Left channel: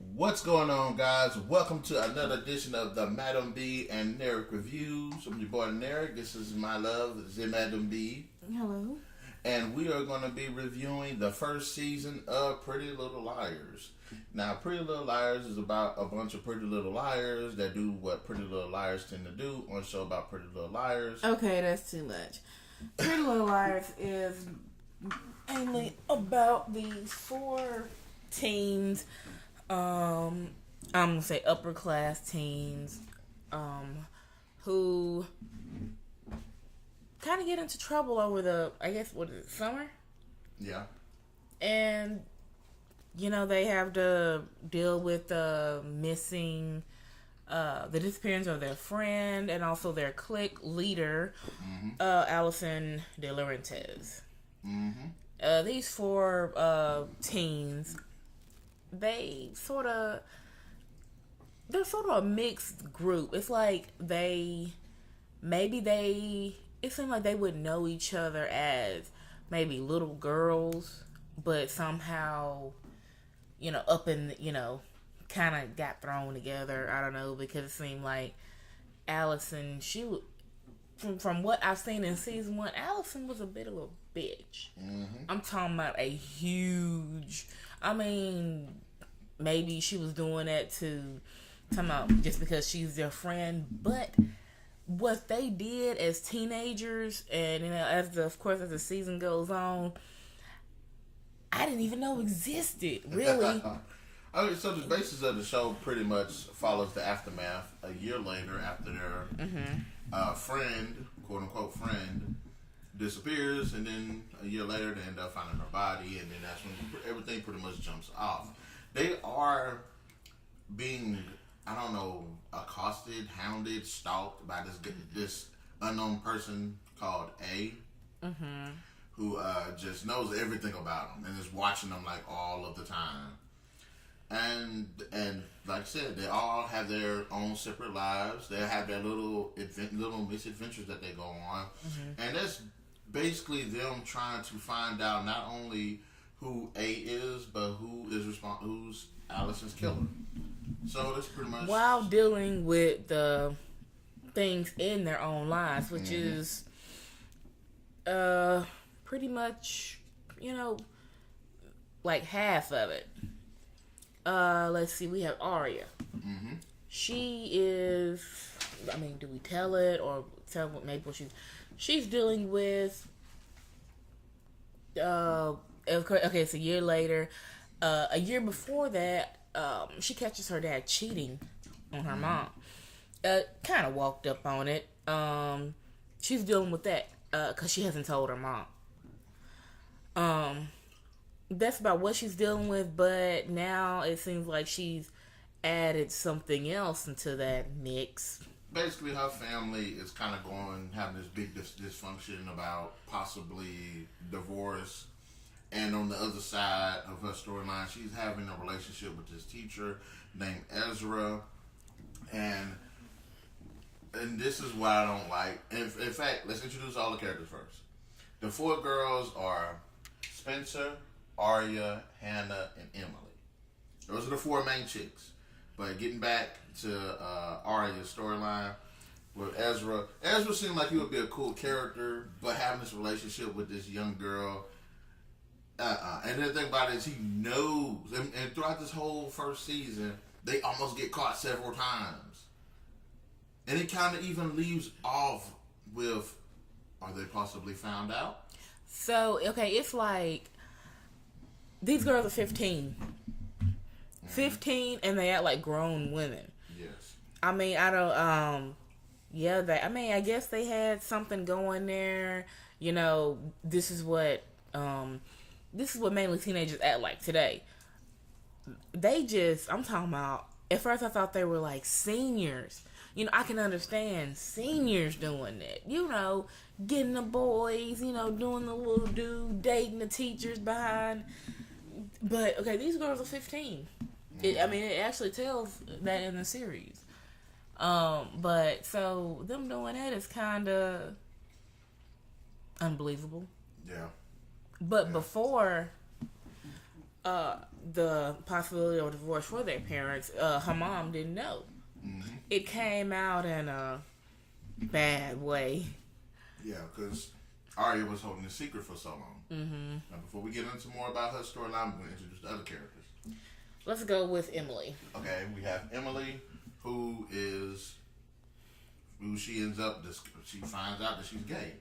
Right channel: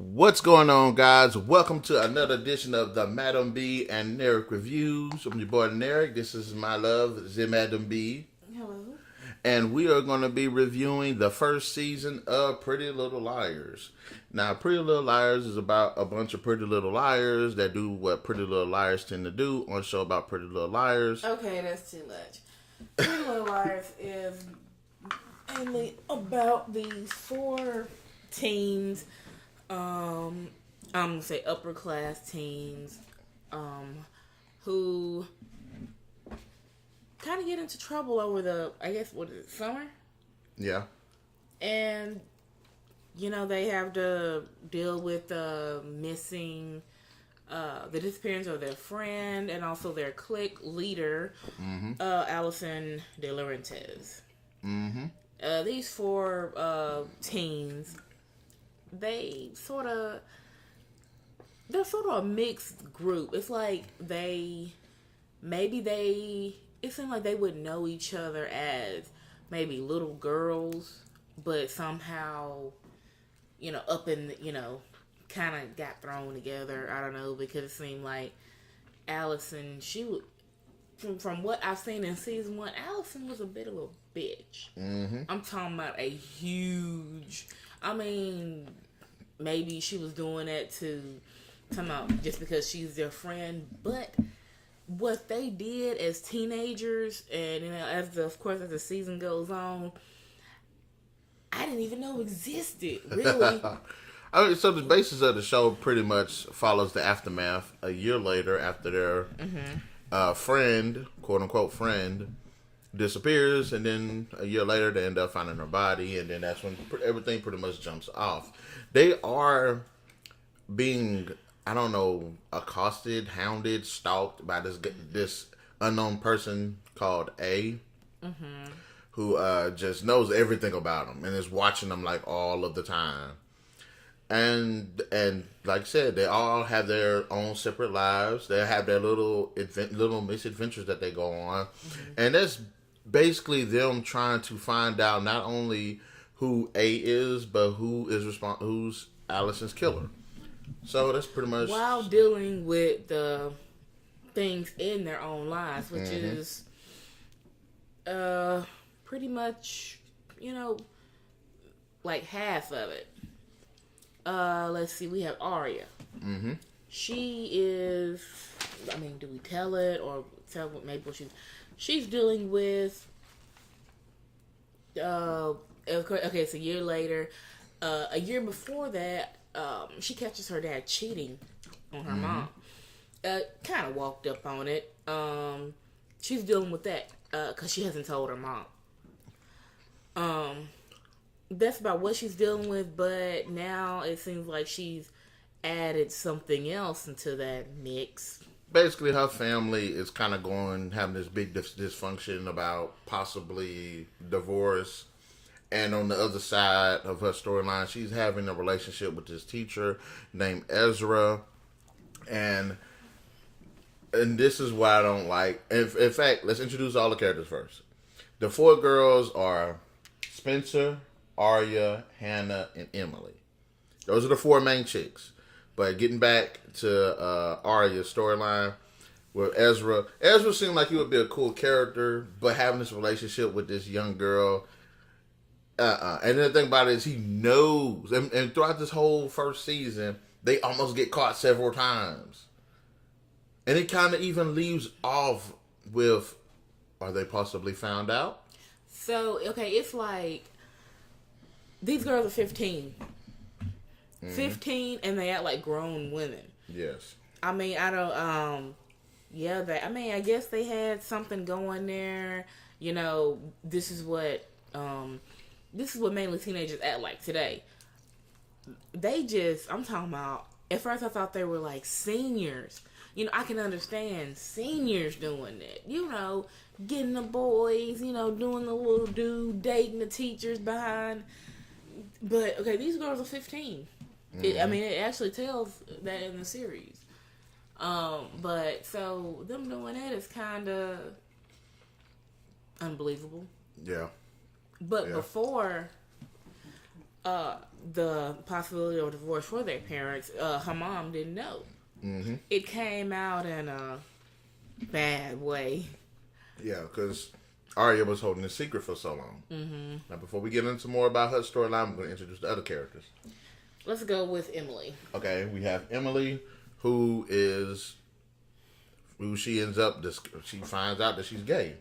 What's going on, guys? Welcome to another edition of the MademB and Narik reviews. I'm your boy Narik. This is my love, the MademB. Hello. And we are going to be reviewing the first season of Pretty Little Liars. Now, Pretty Little Liars is about a bunch of Pretty Little Liars that do what Pretty Little Liars tend to do on a show about Pretty Little Liars. Okay, that's too much. Pretty Little Liars is mainly about these four teens. I'm gonna say upper class teens, who kind of get into trouble over summer? Yeah. And, they have to deal with the disappearance of their friend and also their clique leader, Alison de Laurentiis. These four teens, they're sort of a mixed group. It's like it seemed like they would know each other as maybe little girls, but somehow, up in, kind of got thrown together. I don't know, because it seemed like Alison, she would, from what I've seen in season 1, Alison was a bit of a bitch. I'm talking about a huge, maybe she was doing that just because she's their friend, but what they did as teenagers, and as the season goes on, I didn't even know existed, really. So the basis of the show pretty much follows the aftermath a year later after their friend, quote unquote friend, disappears, and then a year later they end up finding her body, and then that's when everything pretty much jumps off. They are being, accosted, hounded, stalked by this unknown person called A, who just knows everything about them and is watching them like all of the time. And like I said, they all have their own separate lives. They have their little misadventures that they go on, and that's basically them trying to find out not only who A is, but who's Alison's killer. So that's pretty much, while dealing with the things in their own lives, which is pretty much, like half of it. Let's see, we have Aria. She is, do we tell it or tell what maybe what she's dealing with? Okay, it's a year later. A year before that, she catches her dad cheating on her mom. Kind of walked up on it. She's dealing with that because she hasn't told her mom. That's about what she's dealing with, but now it seems like she's added something else into that mix. Basically, her family is kind of having this big dysfunction about possibly divorce. And on the other side of her storyline, she's having a relationship with this teacher named Ezra. And this is what I don't like. In fact, let's introduce all the characters first. The four girls are Spencer, Aria, Hanna, and Emily. Those are the four main chicks. But getting back to Aria's storyline with Ezra seemed like he would be a cool character, but having this relationship with this young girl, and the thing about it is he knows, and throughout this whole first season, they almost get caught several times. And it kind of even leaves off with, are they possibly found out? So, okay, it's like, these girls are 15. 15, and they act like grown women. Yes. I guess they had something going there. This is what mainly teenagers act like today. I'm talking about, at first I thought they were like seniors. I can understand seniors doing that. Getting the boys, doing the little dude, dating the teachers behind. But, okay, these girls are 15. It actually tells that in the series. But, so, them doing that is kind of unbelievable. Yeah. But before the possibility of divorce for their parents, her mom didn't know. Mm-hmm. It came out in a bad way. Yeah, because Aria was holding a secret for so long. Mm-hmm. Now, before we get into more about her storyline, I'm going to introduce the other characters. Let's go with Emily. Okay, we have Emily, who she ends up, she finds out that she's gay.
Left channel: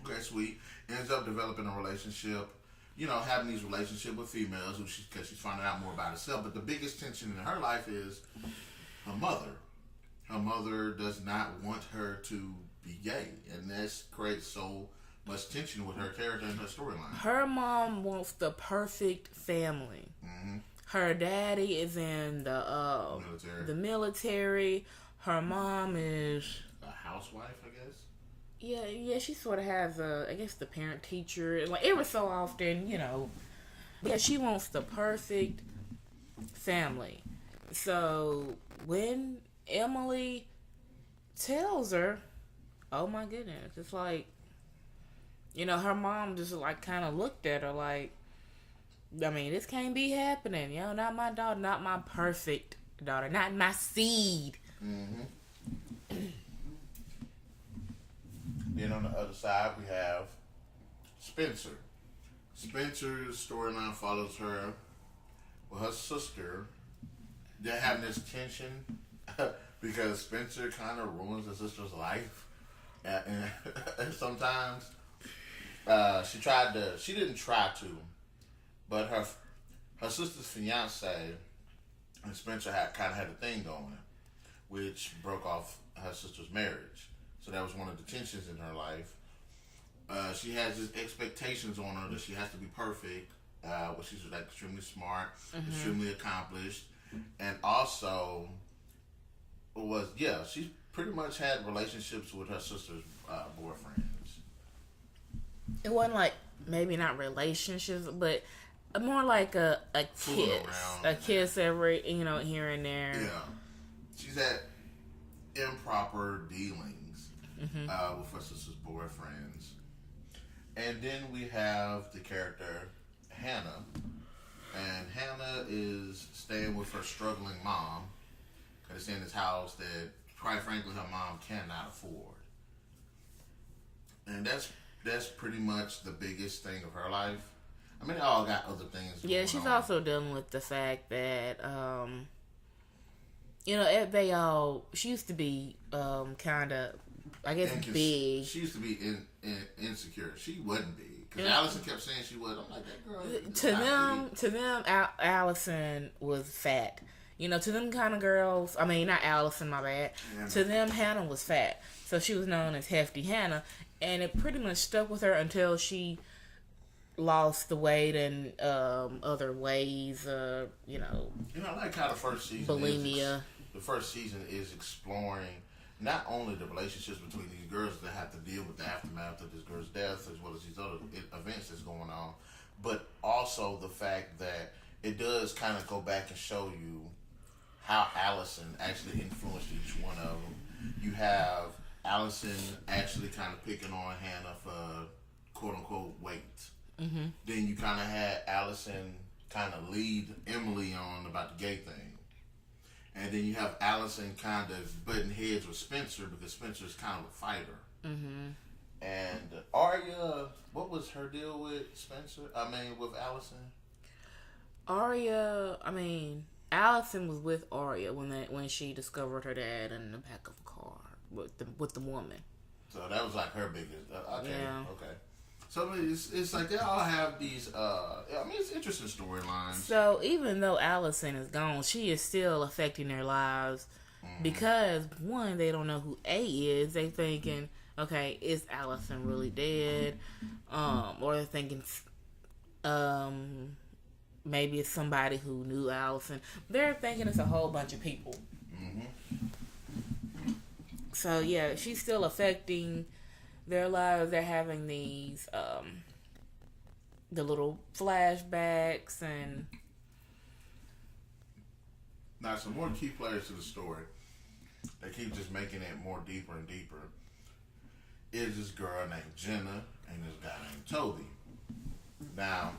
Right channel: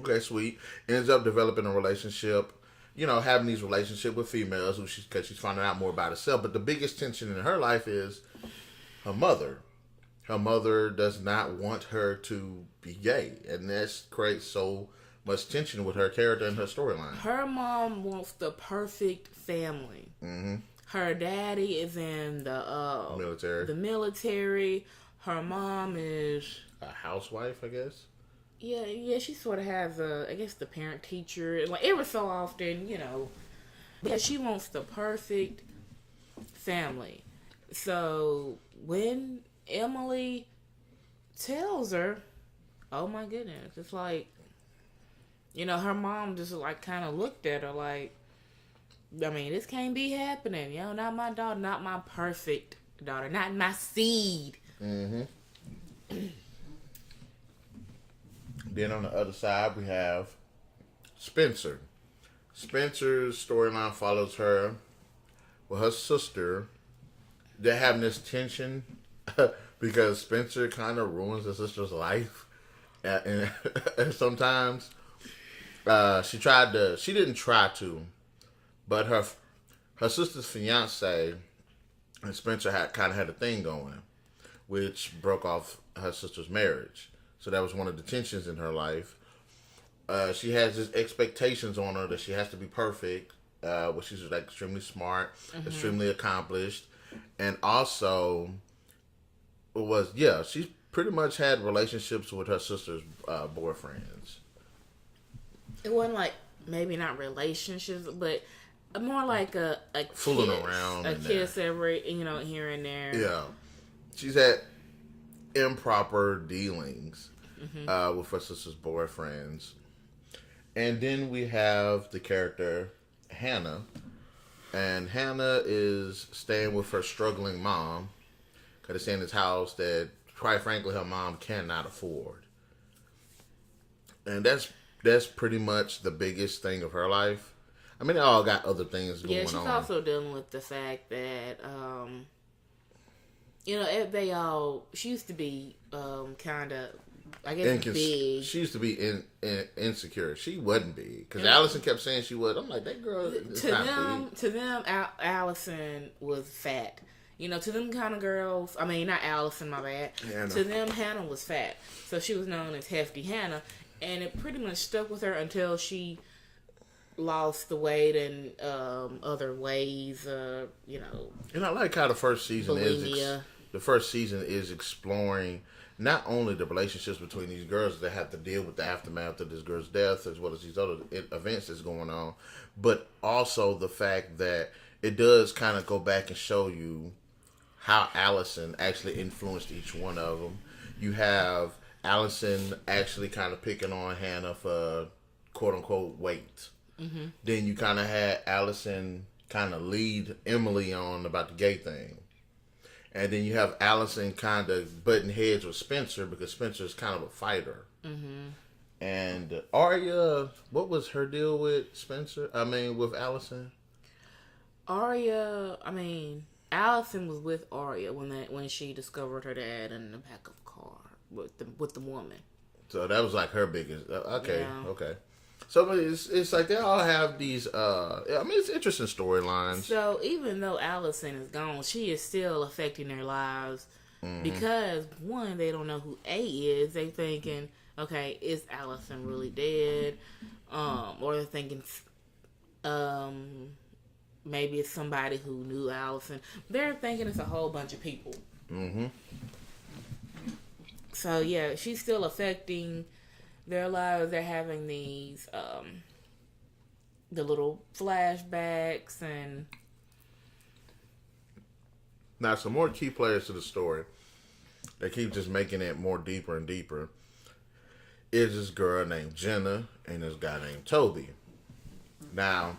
Okay, sweet. Ends up developing a relationship, having these relationships with females because she's finding out more about herself. But the biggest tension in her life is her mother. Her mother does not want her to be gay, and that creates so much tension with her character and her storyline. Her mom wants the perfect family. Mm-hmm. Her daddy is in the military. Her mom is a housewife, I guess. Yeah, she sort of has the parent teacher. Like, every so often, Yeah, she wants the perfect family. So when Emily tells her, oh my goodness, it's like, her mom just like kind of looked at her like, I mean, this can't be happening. Not my daughter, not my perfect daughter, not my seed. Mm-hmm. Then on the other side, we have Spencer. Spencer's storyline follows her with her sister. They're having this tension because Spencer kind of ruins her sister's life. And sometimes she didn't try to, but her sister's fiance and Spencer had a thing going, which broke off her sister's marriage. So that was one of the tensions in her life. She has these expectations on her that she has to be perfect, which she's like extremely smart, extremely accomplished, and also she's pretty much had relationships with her sister's boyfriends. It wasn't like, maybe not relationships, but more like a kiss every here and there. Yeah, she's had improper dealings with her sister's boyfriends. And then we have the character Hanna, and Hanna is staying with her struggling mom. Got to stay in this house that, quite frankly, her mom cannot afford. And that's pretty much the biggest thing of her life. I mean, they all got other things going on. Yeah, she's also dealing with the fact that, she used to be kind of, I guess, big. She used to be insecure. She wasn't big. Because Alison kept saying she was. I'm like, that girl is To them, Alison was fat. To them kind of girls, I mean, not Alison, my bad. Yeah, to them, Hanna was fat. So she was known as Hefty Hanna. And it pretty much stuck with her until she lost the weight in other ways, And I like how the first season bulimia. The first season is exploring not only the relationships between these girls that have to deal with the aftermath of this girl's death, as well as these other events that's going on, but also the fact that it does kind of go back and show you how Alison actually influenced each one of them. You have Alison actually kind of picking on Hanna for quote-unquote weight. Mm-hmm. Then you kind of had Alison kind of lead Emily on about the gay thing. And then you have Alison kind of butting heads with Spencer because Spencer's kind of a fighter. Mm-hmm. And Aria, what was her deal with with Alison? Alison was with Aria when she discovered her dad in the back of a car with the woman. So that was like her biggest. Okay. So it's like they all have these. It's interesting storylines. So even though Alison is gone, she is still affecting their lives because one, they don't know who A is. They thinking, okay, is Alison really dead? Or they're thinking, maybe it's somebody who knew Alison. They're thinking it's a whole bunch of people. Mm-hmm. So yeah, she's still affecting their lives. They're having these the little flashbacks and now some more key players to the story. They keep just making it more deeper and deeper. Is this girl named Jenna and this guy named Toby. Now,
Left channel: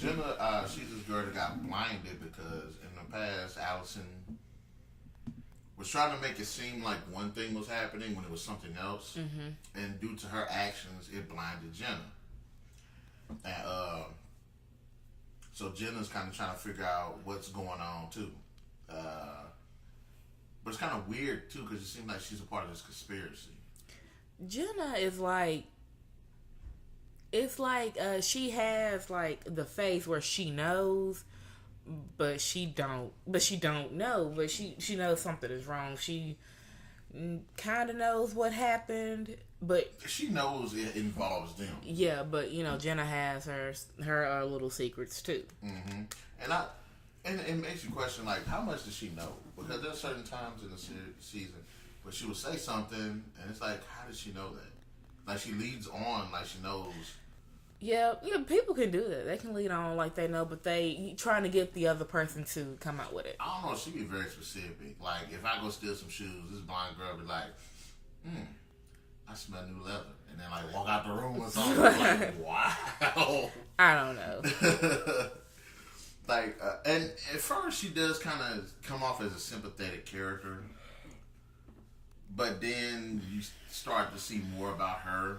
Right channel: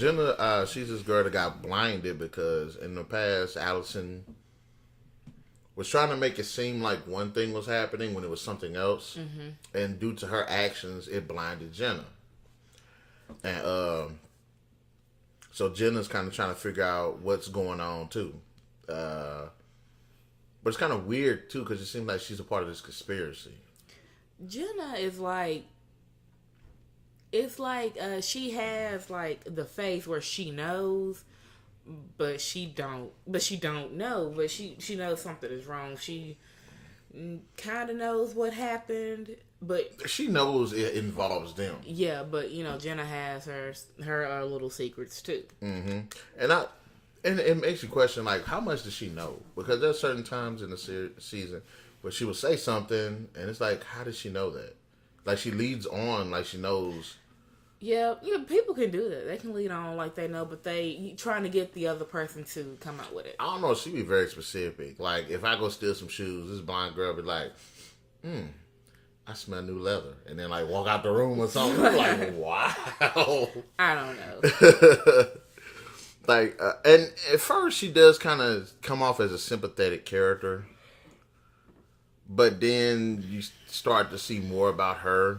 Jenna, she's this girl that got blinded because in the past, Alison was trying to make it seem like one thing was happening when it was something else. And due to her actions, it blinded Jenna. And so Jenna's kind of trying to figure out what's going on, too. But it's kind of weird, too, because it seems like she's a part of this conspiracy. Jenna is like... It's like she has, like, the face where she knows... But she don't know. But she knows something is wrong. She kind of knows what happened, but she knows it involves them. Yeah, but Jenna has her little secrets too. And it makes you question, like, how much does she know? Because there's certain times in the season where she will say something, and it's like, how does she know that? Like, she leads on like she knows. Yeah, people can do that. They can lead on like they know, but they trying to get the other person to come out with it. I don't know. She be very specific. Like, if I go steal some shoes, this blind girl be like, I smell new leather. And then, like, walk out the room or something. Like, wow. I don't know. Like, and at first she does kind of come off as a sympathetic character. But then you start to see more about her.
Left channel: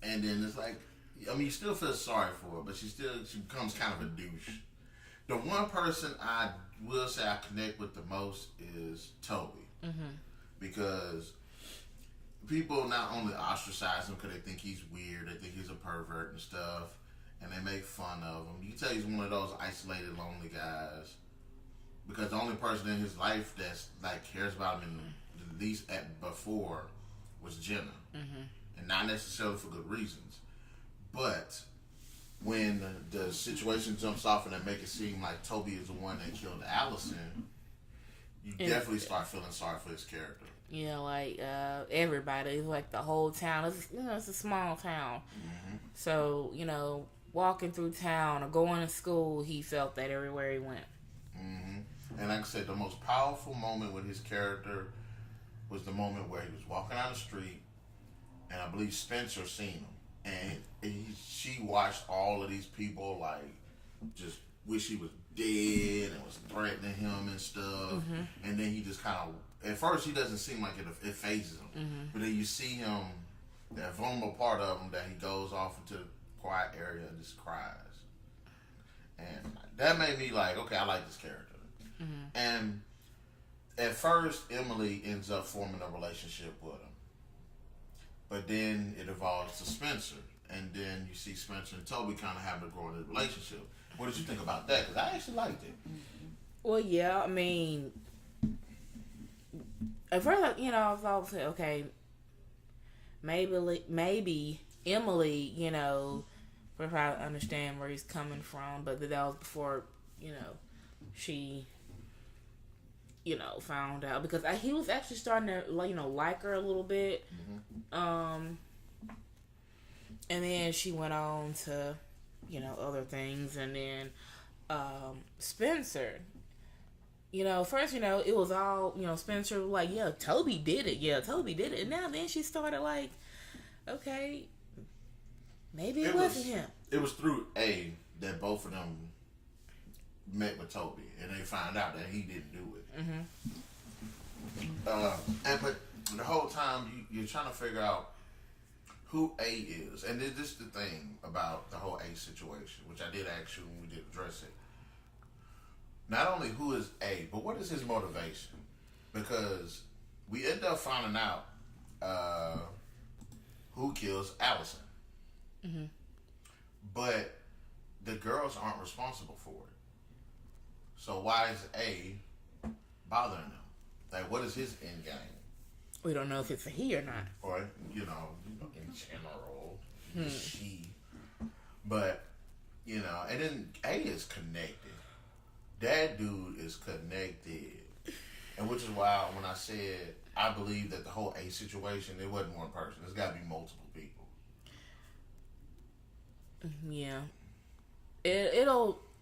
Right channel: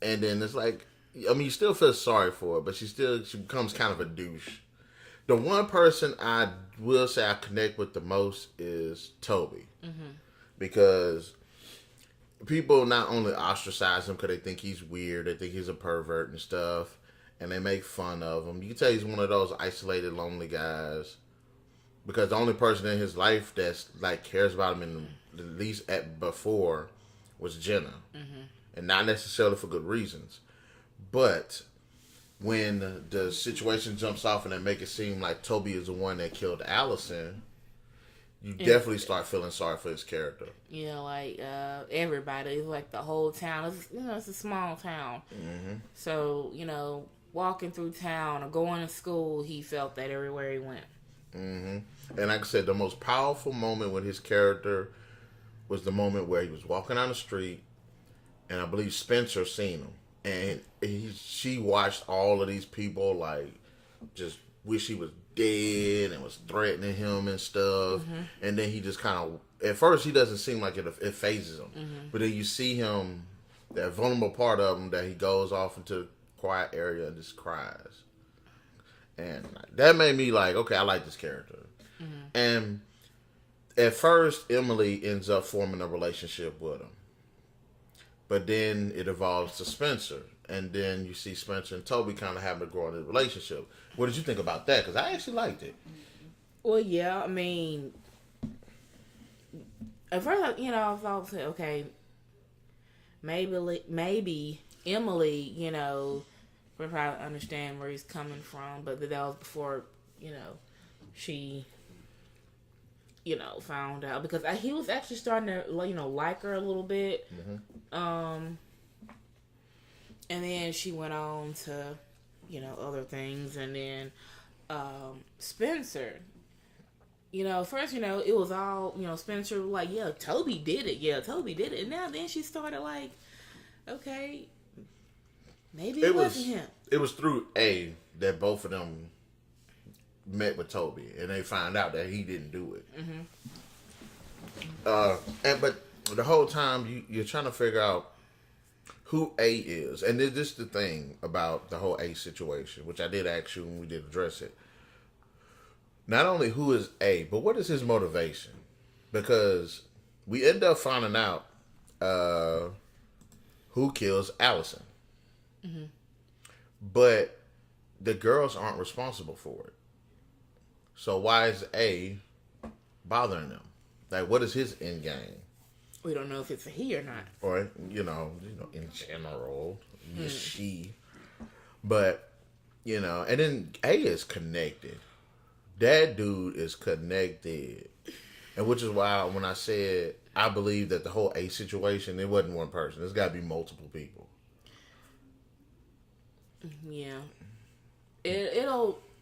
And then it's like, I mean, you still feel sorry for her, but she becomes kind of a douche. The one person I will say I connect with the most is Toby. Because people not only ostracize him because they think he's weird, they think he's a pervert and stuff, and they make fun of him. You can tell he's one of those isolated, lonely guys. Because the only person in his life that's, like, cares about him at least before was Jenna. And not necessarily for good reasons. But when the situation jumps off and they make it seem like Toby is the one that killed Alison, you definitely start feeling sorry for his character. Yeah, like everybody, like the whole town. It's a small town. So, walking through town or going to school, he felt that everywhere he went. And like I said, the most powerful moment with his character was the moment where he was walking down the street. And I believe Spencer seen him. And she watched all of these people, like, just wish he was dead and was threatening him and stuff. And then he just kind of, at first he doesn't seem like it phases him. But then you see him, that vulnerable part of him, that he goes off into the quiet area and just cries. And that made me like, okay, I like this character. And at first, Emily ends up forming a relationship with him. But then it evolves to Spencer. And then you see Spencer and Toby kind of having a growing relationship. What did you think about that? Because I actually liked it. Well, yeah, I mean, at first, I thought, okay, maybe Emily, would probably understand where he's coming from. But that was before, she... found out, because he was actually starting to, like her a little bit. And then she went on to, other things. And then, Spencer, first, it was all, Spencer was like, yeah, Toby did it. Yeah, Toby did it. And now then she started like, okay, maybe it wasn't him. It was through A that both of them met with Toby, and they found out that he didn't do it. But the whole time you're trying to figure out who A is, and this is the thing about the whole A situation, which I did ask you when we did address it. Not only who is A, but what is his motivation? Because we end up finding out who kills Alison, but the girls aren't responsible for it. So why is A bothering them? Like, what is his end game? We don't know if it's a he or not. Or, in general, she. But, and then A is connected. That dude is connected. And which is why when I said I believe that the whole A situation, it wasn't one person. There's got to be multiple people. Yeah.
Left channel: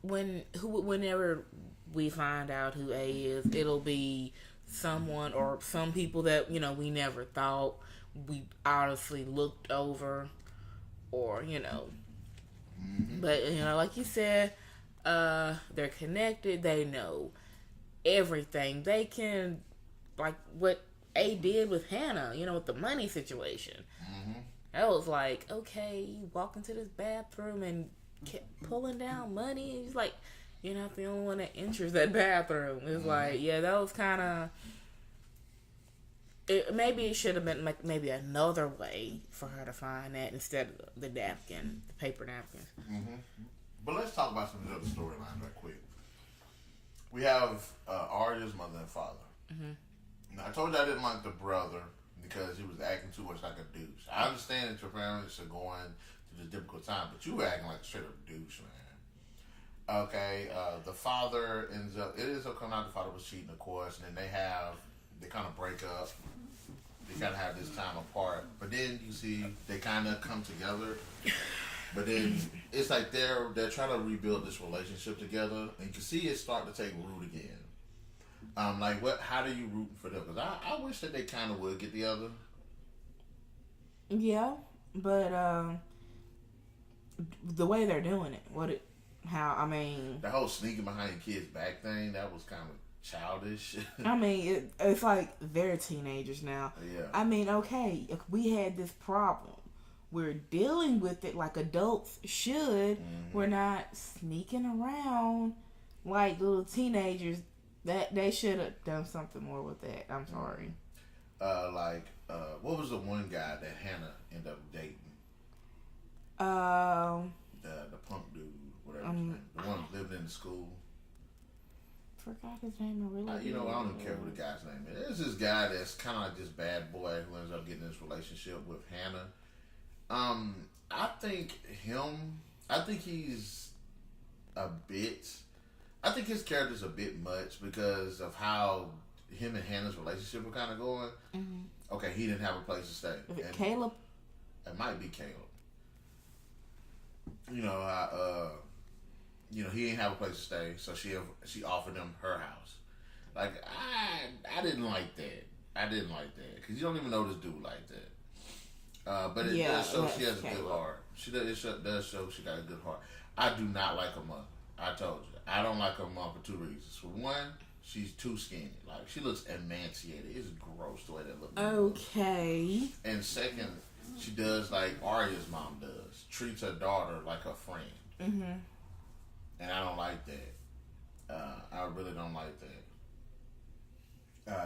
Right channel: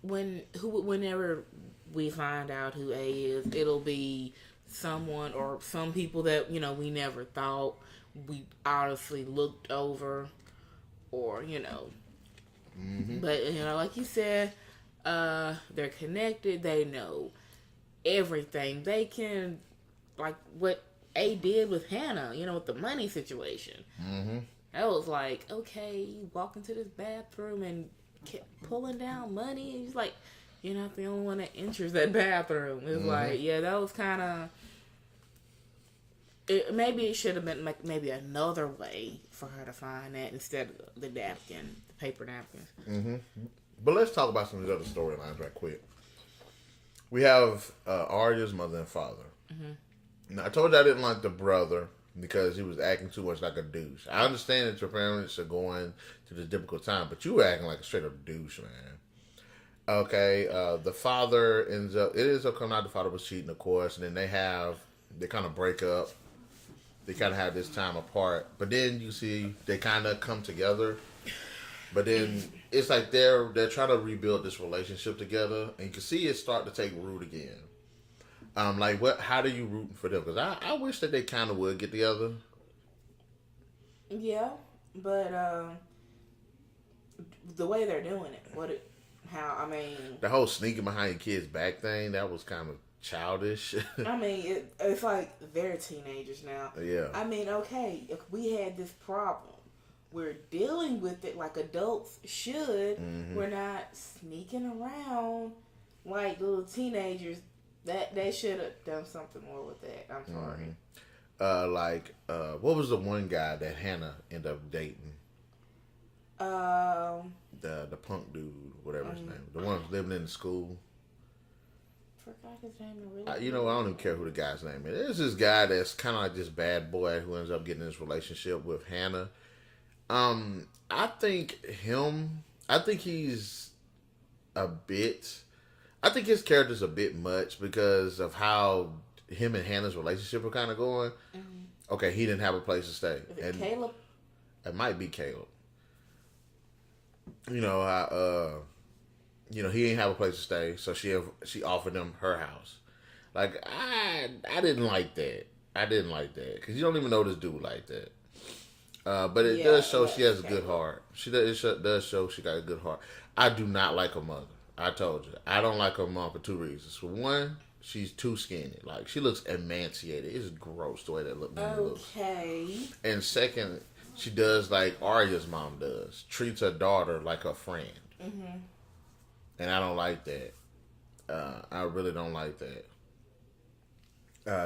Whenever we find out who A is, it'll be someone or some people that, we never thought, we honestly looked over, or, Mm-hmm. But like you said, they're connected. They know everything. They can, like what A did with Hannah. With the money situation. Mm-hmm. That was like, okay, you walk into this bathroom and kept pulling down money. And he's like, you're not the only one that enters that bathroom. It's like, yeah, that was kind of. Maybe it should have been like maybe another way for her to find that instead of the napkin, the paper napkins. Mm-hmm. But let's talk about some of the other storylines right quick. We have Aria's mother and father. Mm-hmm. Now, I told you I didn't like the brother because he was acting too much like a douche. I understand that your parents are going to this difficult time, but you were acting like a straight up douche, man. Okay, the father it ends up coming out the father was cheating, of course, and then they kind of break up. They kind of have this time apart, but then you see they kind of come together. But then it's like they're trying to rebuild this relationship together, and you can see it start to take root again. Like how do you root for them? Because I wish that they kind of would get together. Yeah, but the way they're doing it, the whole sneaking behind your kid's back thing, that was kind of childish. I mean, it's like they're teenagers now. Yeah. I mean, okay, if we had this problem, we're dealing with it like adults should. Mm-hmm. We're not sneaking around like little teenagers. That they should have done something more with that. I'm sorry. What was the one guy that Hannah ended up dating? The punk dude, whatever his name, the one living in the school. Forgot his name. Really. I don't even care who the guy's name is. There's this guy that's kind of like this bad boy who ends up getting in this relationship with Hannah. I think he's a bit. I think his character's a bit much because of how him and Hannah's relationship are kind of going. Mm-hmm. Okay, he didn't have a place to stay. Is it Caleb? It might be Caleb. He didn't have a place to stay, so she offered him her house. Like I didn't like that. I didn't like that because you don't even know this dude like that. But it does show she has a good heart. It does show she got a good heart. I do not like her mother. I told you. I don't like her mom for two reasons. For one, she's too skinny. Like, she looks emaciated. It's gross the way that looks. Okay. And second, she does like Aria's mom does. Treats her daughter like her friend. Mm-hmm. And I don't like that. I really don't like that.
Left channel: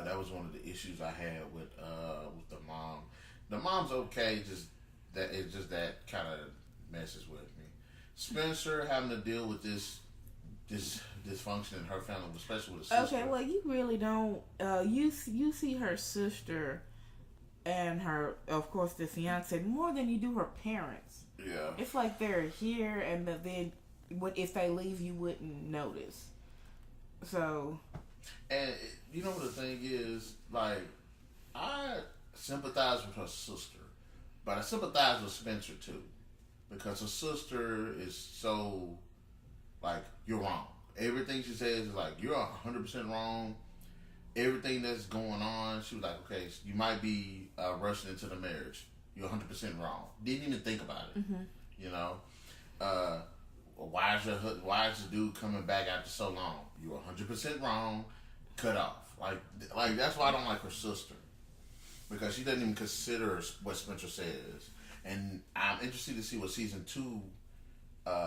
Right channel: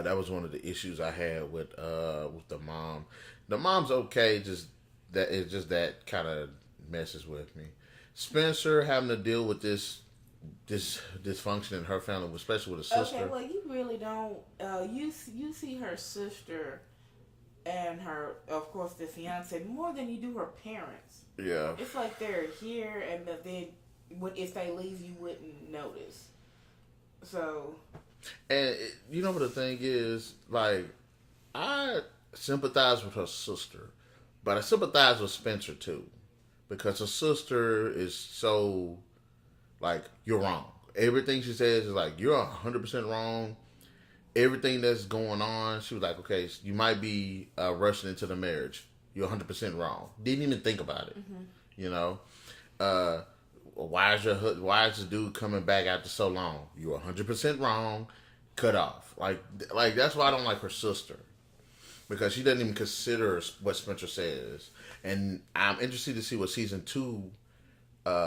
That was one of the issues I had with the mom. The mom's okay, just that kind of messes with me. Spencer having to deal with this dysfunction in her family, especially with her sister. Okay, well, you really don't. You see her sister and her, of course, the fiance more than you do her parents. Yeah, it's like they're here, and then if they leave, you wouldn't notice. So, and you know what the thing is, like, I sympathize with her sister, but I sympathize with Spencer too, because her sister is so, like, you're wrong. Everything she says is like, you're 100% wrong. Everything that's going on, she was like, okay, you might be rushing into the marriage. You're 100% wrong. Didn't even think about it. Mm-hmm. You know, why is this dude coming back after so long? You're 100% wrong. Cut off. Like that's why I don't like her sister, because she doesn't even consider what Spencer says. And I'm interested to see what season 2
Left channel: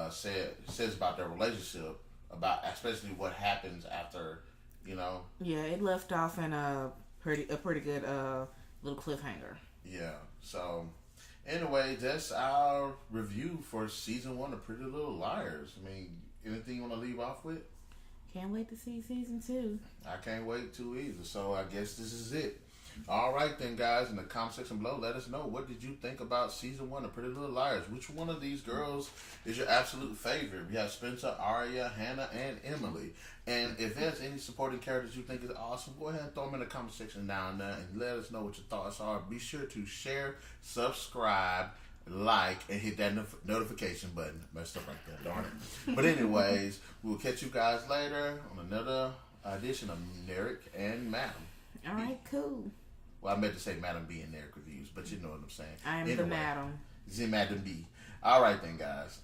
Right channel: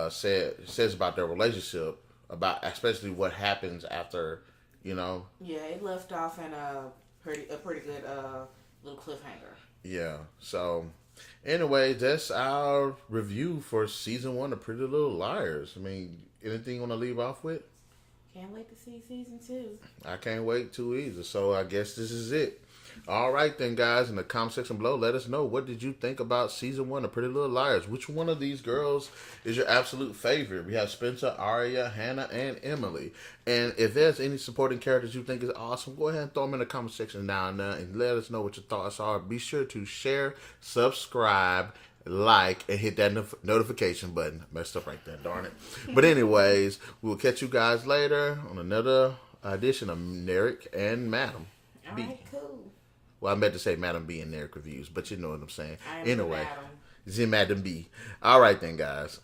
says about their relationship, about especially what happens after, you know. Yeah, it left off in a pretty good little cliffhanger. Yeah. So, anyway, that's our review for season 1 of Pretty Little Liars. I mean, anything you want to leave off with? Can't wait to see season 2. I can't wait to either. So I guess this is it. All right then, guys, in the comment section below, let us know, what did you think about season 1 of Pretty Little Liars? Which one of these girls is your absolute favorite? We have Spencer, Aria, Hanna, and Emily. And if there's any supporting characters you think is awesome, go ahead and throw them in the comment section down there and let us know what your thoughts are. Be sure to share, subscribe, like, and hit that notification button. Messed up right there, darn it. But anyways, we'll catch you guys later on another edition of Narik and MademB. All right, cool. Well, I meant to say MademB and Narik reviews, but you know what I'm saying. I am the Madam. It's in MademB. All right then, guys.